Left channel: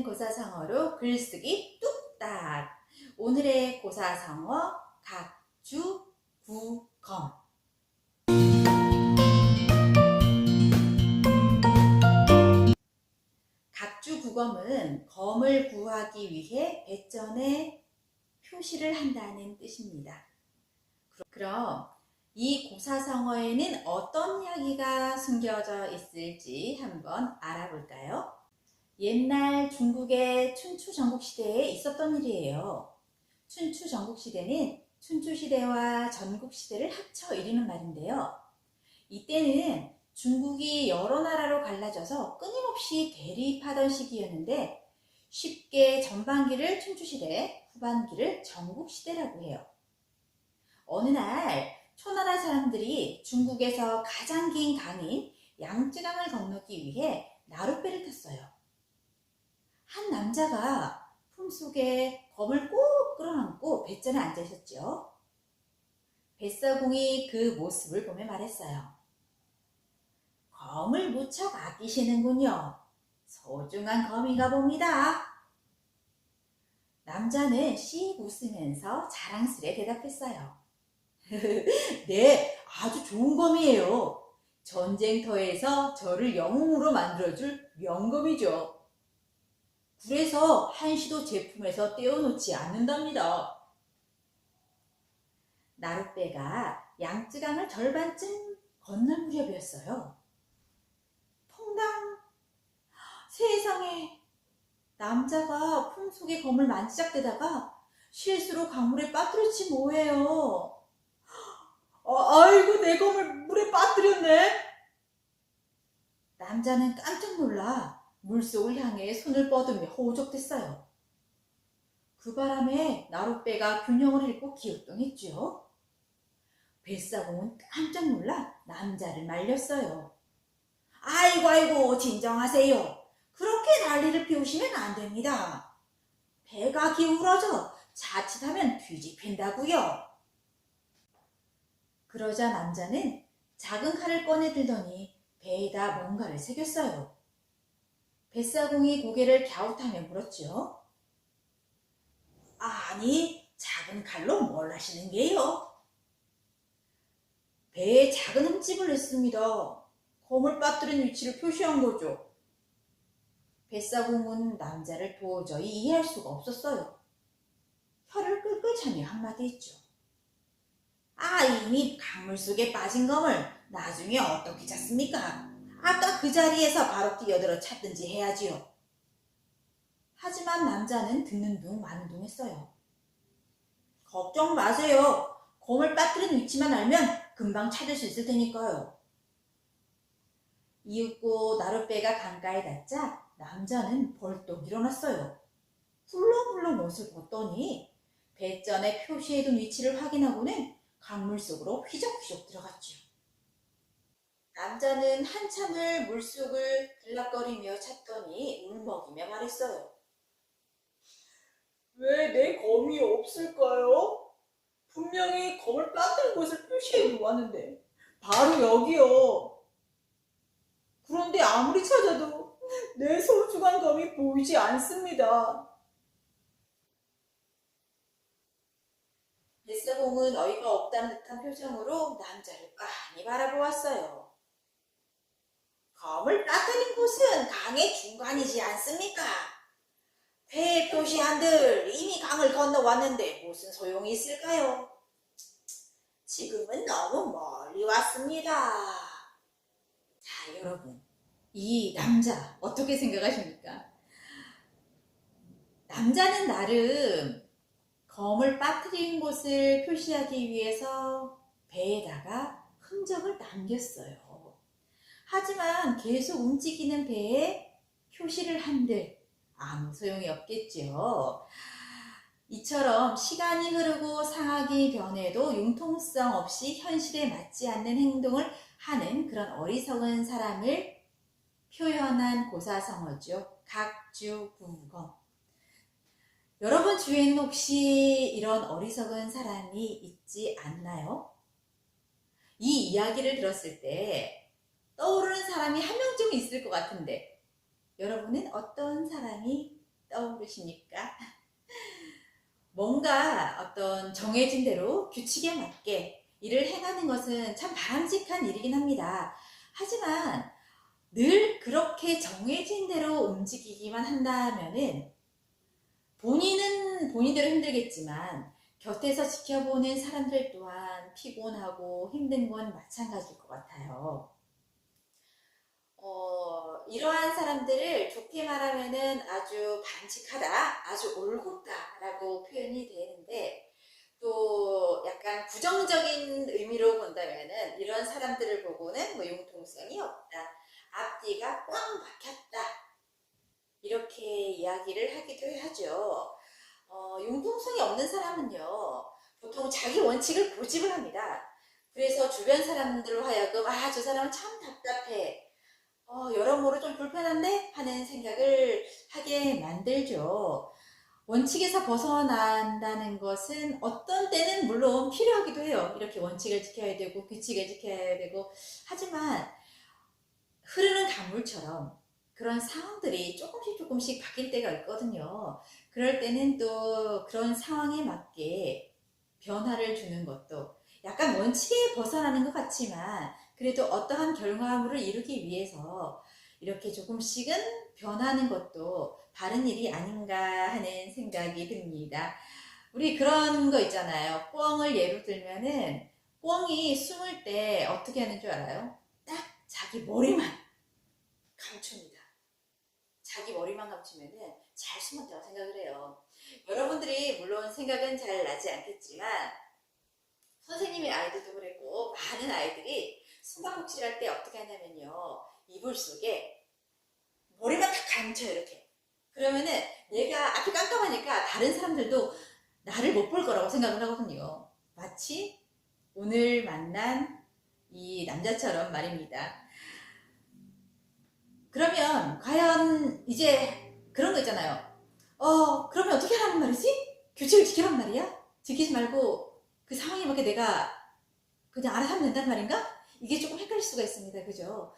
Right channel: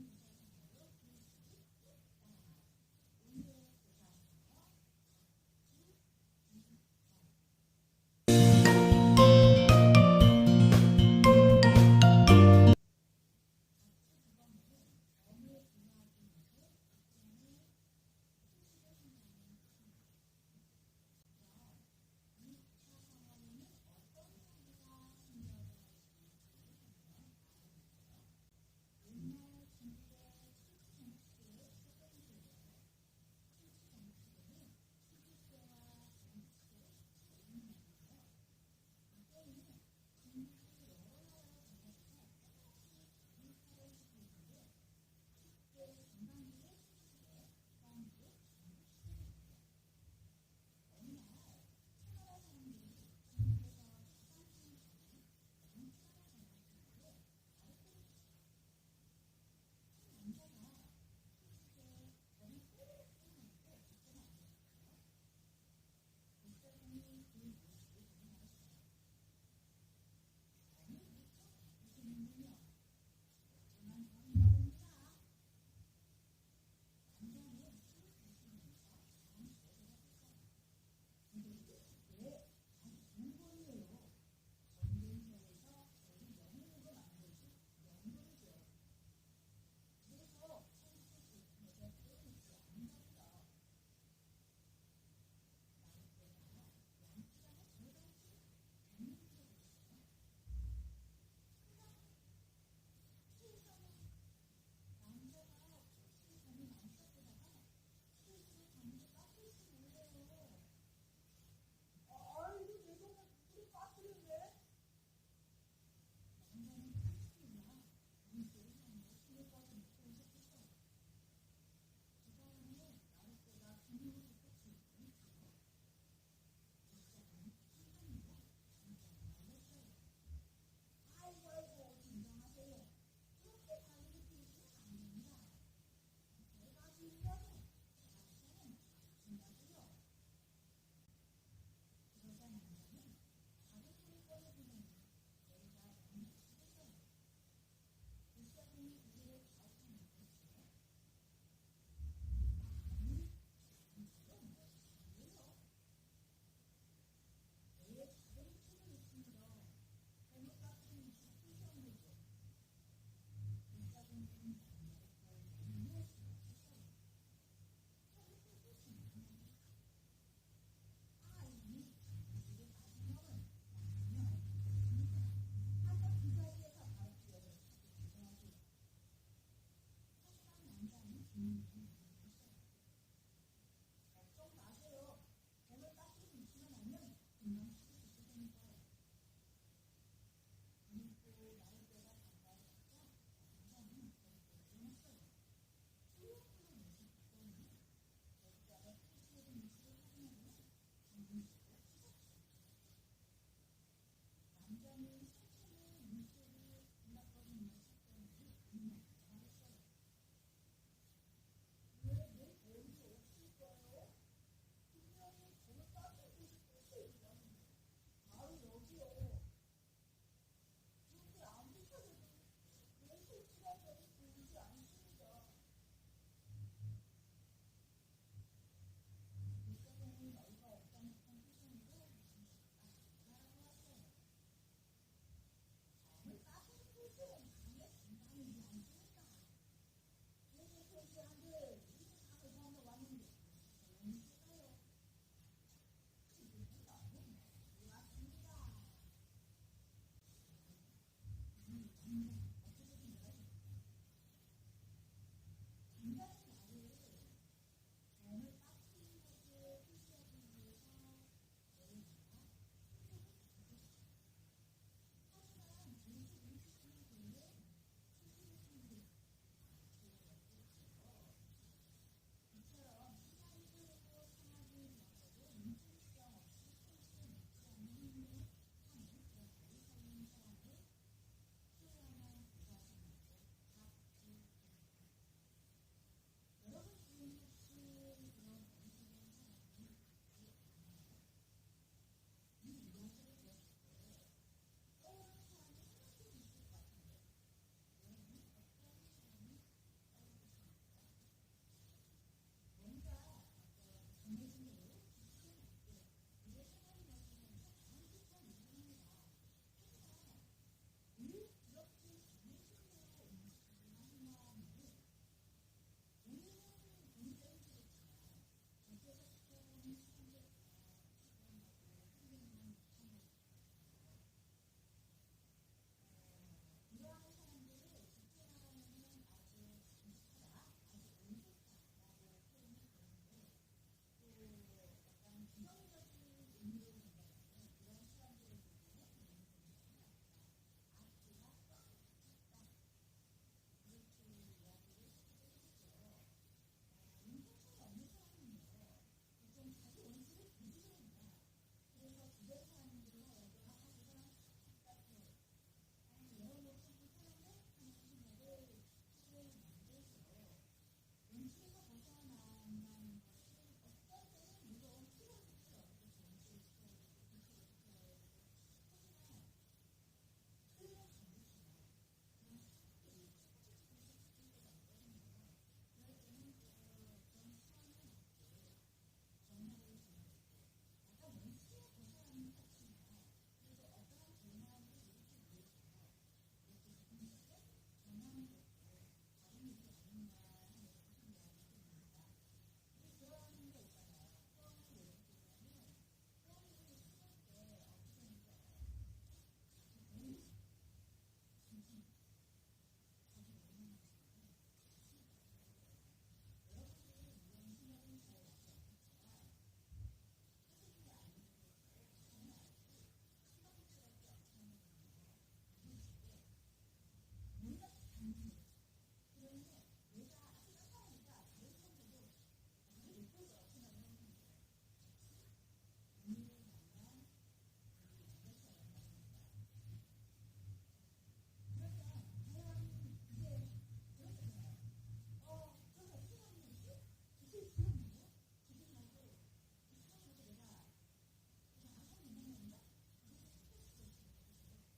재미있는 고사성어로 글쓰기 뚝딱! 오늘의 고사성어 각주구검. 각주구검은 검을 구하기 위해 배전에 표시를 한다는 뜻입니다. 그럼 이 고사성어에는 어떤 이야기가 숨겨져 있을지 한번 알아볼까요? 옛날 중국의 춘추 전국시대에 있었던 일이에요. 춘추 전국시대는 춘추시대와 전국시대를 합쳐 이루는 말인데요. 이때는 중국이 여러 나라로 갈라져서 끊임없이 대립하던 시기였는데 쉽게 전반기를 춘추시대, 후반기를 전국시대라고 해요. 어느 날 초나라 사람들이 중국에서 가장 긴 강인 양쯔강을 건너기 위해 나룻배를 탔어요. 한 남자가 품속에 검을 꼭 끌어안고 뱃전에 앉아 있었죠. 뱃사공이 그 모습을 보며 말했어요. 검을 무척 아끼시는군요. 소중한 검인가 봅니다. 남자는 씩 웃으면서 자랑스레 대답했어요. 네, 아주 좋은 검이에요. 전쟁터에서 저를 영웅으로 만들어줄 명검이죠. 그래서 한시도 제품에서 떼어놓지 않는답니다. 나룻배가 양쯔강을 절반쯤 건널 무렵이었어요. 퐁당! 세상에! 남자가 품속에 검을 만지작대다가 실수로 강물에 빠뜨렸지 뭐예요. 아이고, 내 검을 물에 빠뜨렸네. 남자는 깜짝 놀라 물속을 향해 손을 뻗으며 호적댔어요. 그 바람에 나룻배가 균형을 잃고 기웃동했죠. 뱃사공은 깜짝 놀라 남자를 말렸어요. 아이고, 진정하세요. 그렇게 난리를 피우시면 안 됩니다. 배가 기울어져 자칫하면 뒤집힌다고요. 그러자 남자는 작은 칼을 꺼내 들더니 배에다 뭔가를 새겼어요. 뱃사공이 고개를 갸웃하며 물었죠. 아니, 작은 칼로 뭘 하시는 게요? 배에 작은 흠집을 냈습니다. 검을 빠뜨린 위치를 표시한 거죠. 뱃사공은 남자를 도저히 이해할 수가 없었어요. 혀를 끌끌 차며 한마디 했죠. 이미 강물 속에 빠진 검을 나중에 어떻게 찾습니까? 아까 그 자리에서 바로 뛰어들어 찾든지 해야지요. 하지만 남자는 듣는 둥 마는 둥 했어요. 걱정 마세요. 검을 빠뜨린 위치만 알면 금방 찾을 수 있을 테니까요. 이윽고 나룻배가 강가에 닿자 남자는 벌떡 일어났어요. 훌렁훌렁 옷을 벗더니 배전에 표시해둔 위치를 확인하고는 강물 속으로 휘적휘적 들어갔죠. 남자는 한참을 물속을 들락거리며 찾더니 울먹이며 말했어요. 왜 내 검이 없을까요? 분명히 검을 빠뜨린 곳을 표시해 놓았는데 바로 여기요. 그런데 아무리 찾아도 내 소중한 검이 보이지 않습니다. 뱃사공은 어이가 없다는 듯한 표정으로 남자를 빤히 바라보았어요. 검을 빠뜨린 곳은 강의 중간이지 않습니까? 배에 표시한들 이미 강을 건너왔는데 무슨 소용이 있을까요? 지금은 너무 멀리 왔습니다. 자, 여러분, 이 남자 어떻게 생각하십니까? 남자는 나름 검을 빠뜨린 곳을 표시하기 위해서 배에다가 흔적을 남겼어요. 하지만 계속 움직이는 배에 표시를 한들 아무 소용이 없겠죠. 이처럼 시간이 흐르고 상황이 변해도 융통성 없이 현실에 맞지 않는 행동을 하는 그런 어리석은 사람을 표현한 고사성어죠. 각주구검. 여러분 주위에는 혹시 이런 어리석은 사람이 있지 않나요? 이 이야기를 들었을 때 떠오르는 사람이 한 명쯤 있을 것 같은데 여러분은 어떤 사람이 떠오르십니까? 뭔가 어떤 정해진 대로 규칙에 맞게 일을 행하는 것은 참 바람직한 일이긴 합니다. 하지만 늘 그렇게 정해진 대로 움직이기만 한다면은 본인은 본인대로 힘들겠지만 곁에서 지켜보는 사람들 또한 피곤하고 힘든 건 마찬가지일 것 같아요. 이러한 사람들을 좋게 말하면은 아주 바람직하다, 아주 올곧다라고 표현이 되는데, 또 약간 부정적인 의미로 본다면은 이런 사람들을 보고는 뭐 융통성이 없다, 앞뒤가 꽝 박혔다, 이렇게 이야기를 하기도 하죠. 융통성이 없는 사람은요, 보통 자기 원칙을 고집을 합니다. 그래서 주변 사람들로 하여금 저 사람은 참 답답해, 여러모로 좀 불편한데 하는 생각을 하게 만들죠. 원칙에서 벗어난다는 것은 어떤 때는 물론 필요하기도 해요. 이렇게 원칙을 지켜야 되고 규칙을 지켜야 되고, 하지만 흐르는 강물처럼 그런 상황들이 조금씩 바뀔 때가 있거든요. 그럴 때는 또 그런 상황에 맞게 변화를 주는 것도, 약간 원칙에 벗어나는 것 같지만 그래도 어떠한 결과물을 이루기 위해서 이렇게 조금씩은 변하는 것도 바른 일이 아닌가 하는 생각이 듭니다. 우리 그런 거 있잖아요. 꿩을 예로 들면은 꿩이 숨을 때 어떻게 하는 줄 알아요? 딱 자기 머리만 감춥니다. 자기 머리만 감추면은 잘 숨었다고 생각을 해요. 여러분들이 물론 생각은 잘 나지 않겠지만 선생님의 아이들도 그랬고 많은 아이들이 숨바꼭질 할 때 어떻게 하냐면요, 이불 속에 머리만 딱 감춰요. 이렇게. 그러면은 얘가 앞이 깜깜하니까 다른 사람들도 나를 못 볼 거라고 생각을 하거든요. 마치 오늘 만난 이 남자처럼 말입니다. 그러면 과연 이제 그런 거 있잖아요. 그러면 어떻게 하라는 말이지? 규칙을 지키란 말이야? 지키지 말고 그 상황에 맞게 내가 그냥 알아서 하면 된단 말인가? 이게 조금 헷갈릴 수가 있습니다. 그죠?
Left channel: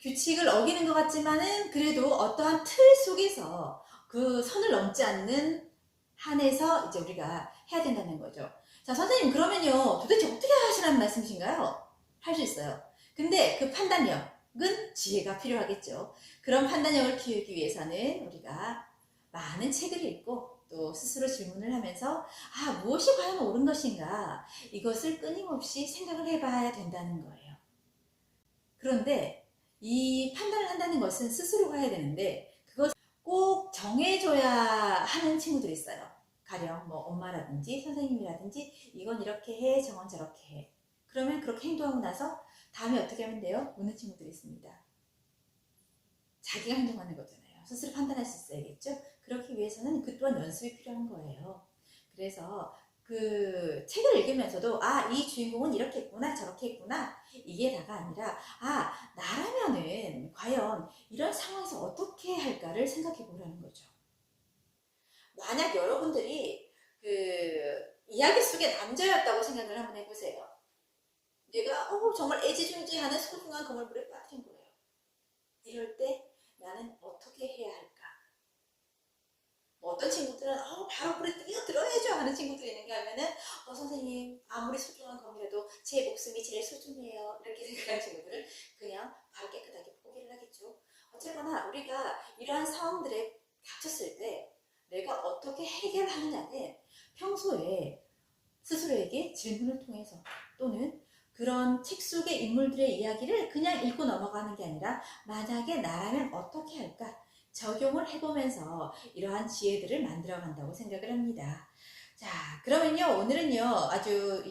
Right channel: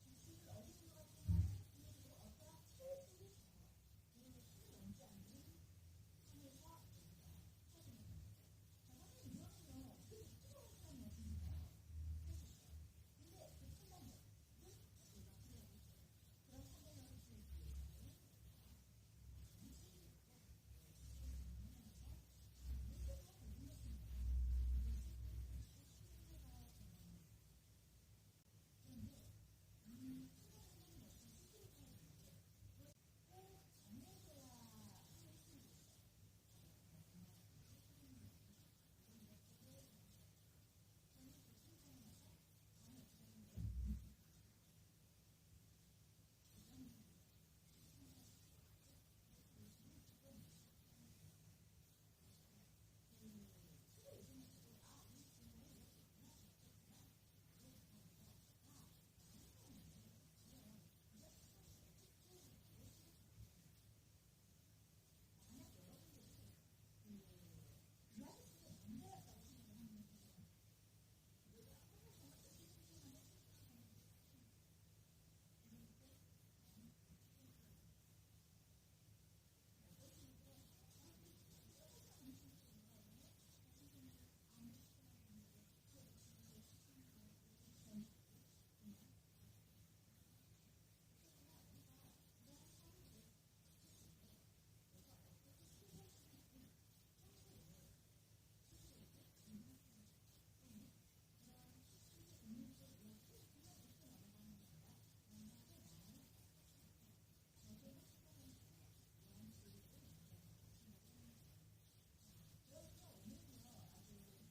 규칙을 어기는 것 같지만은 그래도 어떠한 틀 속에서 그 선을 넘지 않는 한에서 이제 우리가 해야 된다는 거죠. 자, 선생님, 그러면요, 도대체 어떻게 하시라는 말씀이신가요? 할 수 있어요. 근데 그 판단력은 지혜가 필요하겠죠. 그런 판단력을 키우기 위해서는 우리가 많은 책을 읽고 또 스스로 질문을 하면서 무엇이 과연 옳은 것인가, 이것을 끊임없이 생각을 해봐야 된다는 거예요. 그런데 이 판단을 한다는 것은 스스로가 해야 되는데 그것 꼭 정해줘야 하는 친구들이 있어요. 가령 뭐 엄마라든지 선생님이라든지 이건 이렇게 해, 저건 저렇게 해. 그러면 그렇게 행동하고 나서 다음에 어떻게 하면 돼요? 묻는 친구들이 있습니다. 자기가 행동하는 거잖아요. 스스로 판단할 수 있어야겠죠? 그렇기 위해서는 그 또한 연습이 필요한 거예요. 그래서 그 책을 읽으면서도 이 주인공은 이렇게 했구나, 저렇게 했구나, 이게 다가 아니라 나라면은 과연 이런 상황에서 어떻게 할까를 생각해 보라는 거죠. 만약 여러분들이 그 이야기 속의 남자였다고 생각을 한번 해보세요. 내가 정말 애지중지하는 소중한 그물물에 빠진 거예요. 이럴 때 나는 어떻게 해야 할까? 어떤 친구들은 바로 물에 뛰어들어야죠 하는 친구들이 있는가 하면은 선생님, 아무리 소중한 거물에도 제 목숨이 제일 소중해요, 이렇게 생각하는 친구들은 그냥 바로 깨끗하게 포기를 하겠죠. 어쨌거나 우리가 이러한 상황들에 닥쳤을 때 내가 어떻게 해결하느냐는 평소에 스스로에게 질문을 통해서, 또는 그런 책 속의 인물들의 이야기를 그냥 읽고 넘어가는 게 아니라 만약에 나라면 어떻게 할까 적용을 해보면서 이러한 지혜들을 만들어 간다고 생각을 합니다. 자, 그러면요, 오늘은요 아주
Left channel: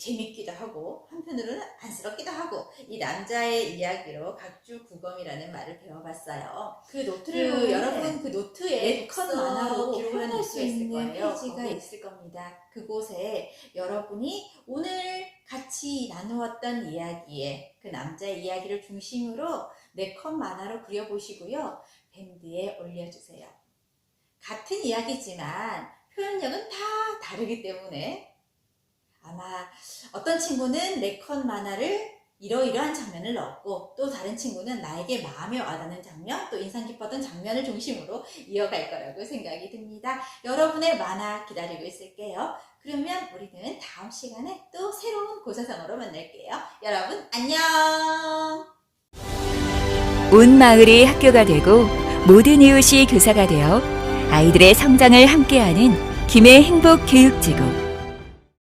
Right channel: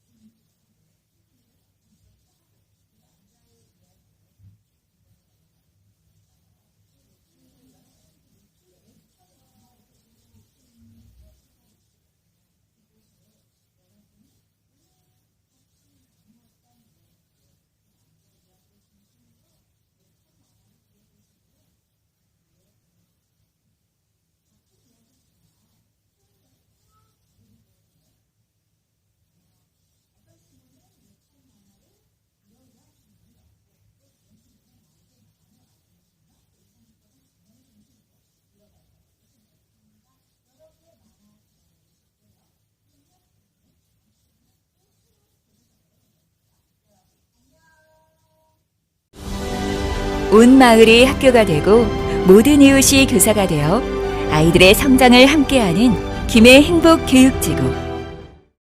재밌기도 하고 한편으로는 안쓰럽기도 하고 이 남자의 이야기로 각주구검이라는 말을 배워봤어요. 그 노트를 여러분 그 노트에 컷 만화로 기록을 할 수 있는 페이지가 있을 겁니다. 그곳에 여러분이 오늘 같이 나누었던 이야기에 그 남자의 이야기를 중심으로 4컷 만화로 그려보시고요, 밴드에 올려주세요. 같은 이야기지만 표현력은 다 다르기 때문에 아마 어떤 친구는 4컷 만화를 이러이러한 장면을 넣었고 또 다른 친구는 나에게 마음에 와닿는 장면, 또 인상 깊었던 장면을 중심으로 이어갈 거라고 생각이 듭니다. 여러분의 만화 기다리고 있을게요. 그러면 우리는 다음 시간에 또 새로운 고사성어로 만날게요. 여러분 안녕! 온 마을이 학교가 되고 모든 이웃이 교사가 되어 아이들의 성장을 함께하는 김해 행복교육지구.